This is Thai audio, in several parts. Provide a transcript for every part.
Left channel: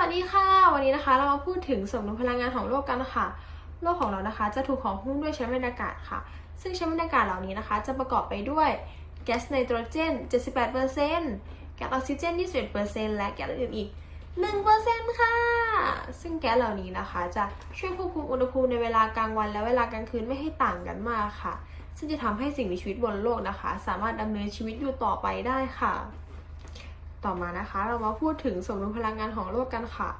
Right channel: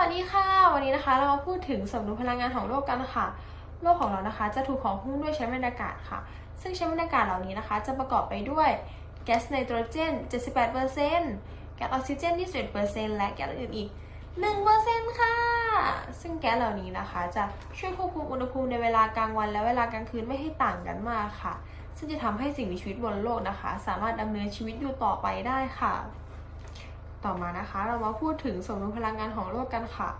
วัสดีค่ะ วันนี้นะคะเรามาพูดถึงสมดุลพลังงานของโลกกันค่ะ โลกของเรานะคะ จะถูกของหุ้มด้วยชั้นบรรยากาศค่ะ ซึ่งชั้นบรรยากาศเหล่านี้นะคะ จะประกอบไปด้วยแก๊สไนโตรเจน 78%แก๊สออกซิเจน 21%และแก๊สอื่นอีก 1%ค่ะ ซึ่งแก๊สเหล่านี้นะคะ จะช่วยควบคุมอุณหภูมิในเวลากลางวัน และเวลากลางคืนไม่ให้ต่างกันมากค่ะ ซึ่งจะทำให้สิ่งมีชีวิตบนโลกนะคะ สามารถดำเนินชีวิตอยู่ต่อไปได้ค่ะ ต่อมานะคะ เรามาพูดถึงสมดุลพลังงานของโลกกันค่ะ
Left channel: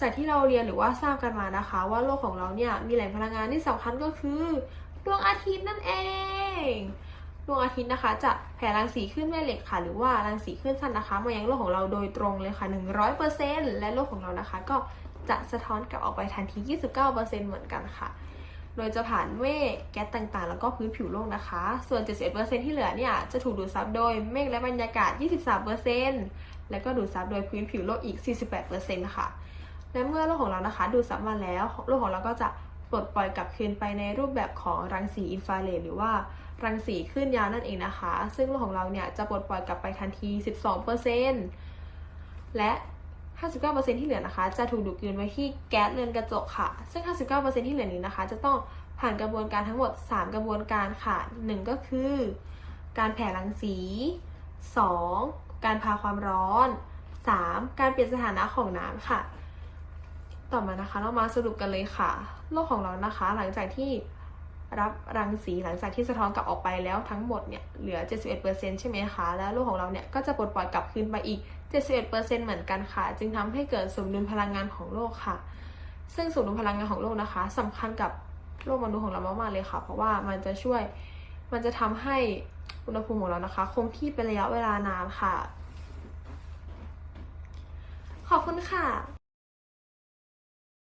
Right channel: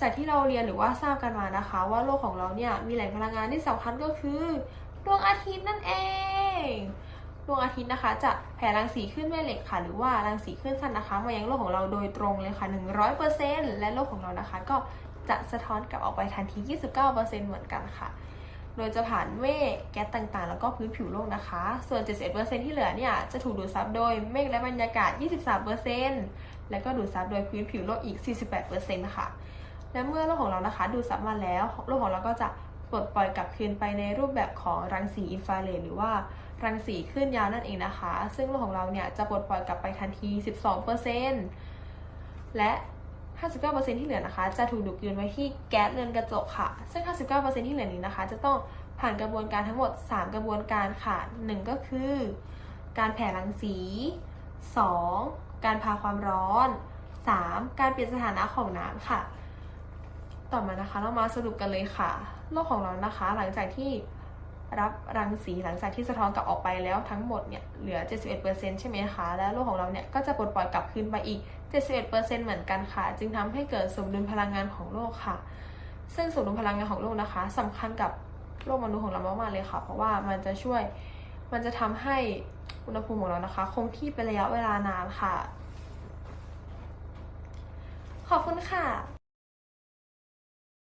จากที่เราเรียนหรือว่าทราบกันมานะคะ ว่าโลกของเราเนี่ยมีแหล่งพลังงานที่สำคัญก็คือดวงอาทิตย์นั่นเองดวงอาทิตย์นะคะ จะแผ่รังสีขึ้นแม่เหล็กค่ะ หรือว่ารังสีขึ้นสั้นนะคะ มายังโลกของเราโดยตรงเลยค่ะ 100%และโลกของเรานะคะ ก็จะสะท้อนกลับออกไปทันที 29%เหมือนกันค่ะ โดยจะผ่านเมฆแก๊สต่างๆ แล้วก็พื้นผิวโลกนะคะ ส่วน 71%ที่เหลือเนี่ยจะถูกดูดซับโดยเมฆและบรรยากาศ 23%และก็ดูดซับโดยพื้นผิวโลกอีก 48%ค่ะและเมื่อโลกของเรานะคะ ดูดซับมาแล้วโลกของเราก็จะปลดปล่อยกลับคืนไปในรูปแบบของรังสีอินฟราเรดหรือว่ารังสีคลื่นยาวนั่นเองนะคะ ซึ่งโลกของเราเนี่ยจะปลดปล่อยกลับไปทันที 12%และ 59%ที่เหลือนะคะ จะถูกดูดกลืนไว้ที่แก๊สเรือนกระจกค่ะ ซึ่ง 59%ที่เหลือนี้นะคะ จะต้องผ่านกระบวนการทั้งหมด 3 กระบวนการค่ะ 1 ก็คือ การแผ่รังสี 2. การพาความร้อน 3. การเปลี่ยนสถานะของน้ำค่ะ ต่อมานะคะเรามาสรุปกันเลยค่ะ โลกของเรานะคะ หลังจากที่ รับรังสีหลังจากที่สะท้อนกลับออกไปแล้วทั้งหมดเนี่ยเหลือ 71%ใช่ไหมคะ แล้วโลกของเราเนี่ยก็จะปลดปล่อยกลับคืนไปอีก 71%เหมือนกันค่ะ จึงทำให้เกิดสมดุลพลังงานของโลกค่ะ ซึ่งสมดุลพลังงานของโลกนะคะสำคัญกับโลกมนุษย์ของเรามากๆเลยค่ะ เพราะว่ามันจะช่วยมันจะทำให้อุณหภูมิของเรานะคะ คงที่เป็นระยะเวลานานค่ะ ขอบคุณค่ะ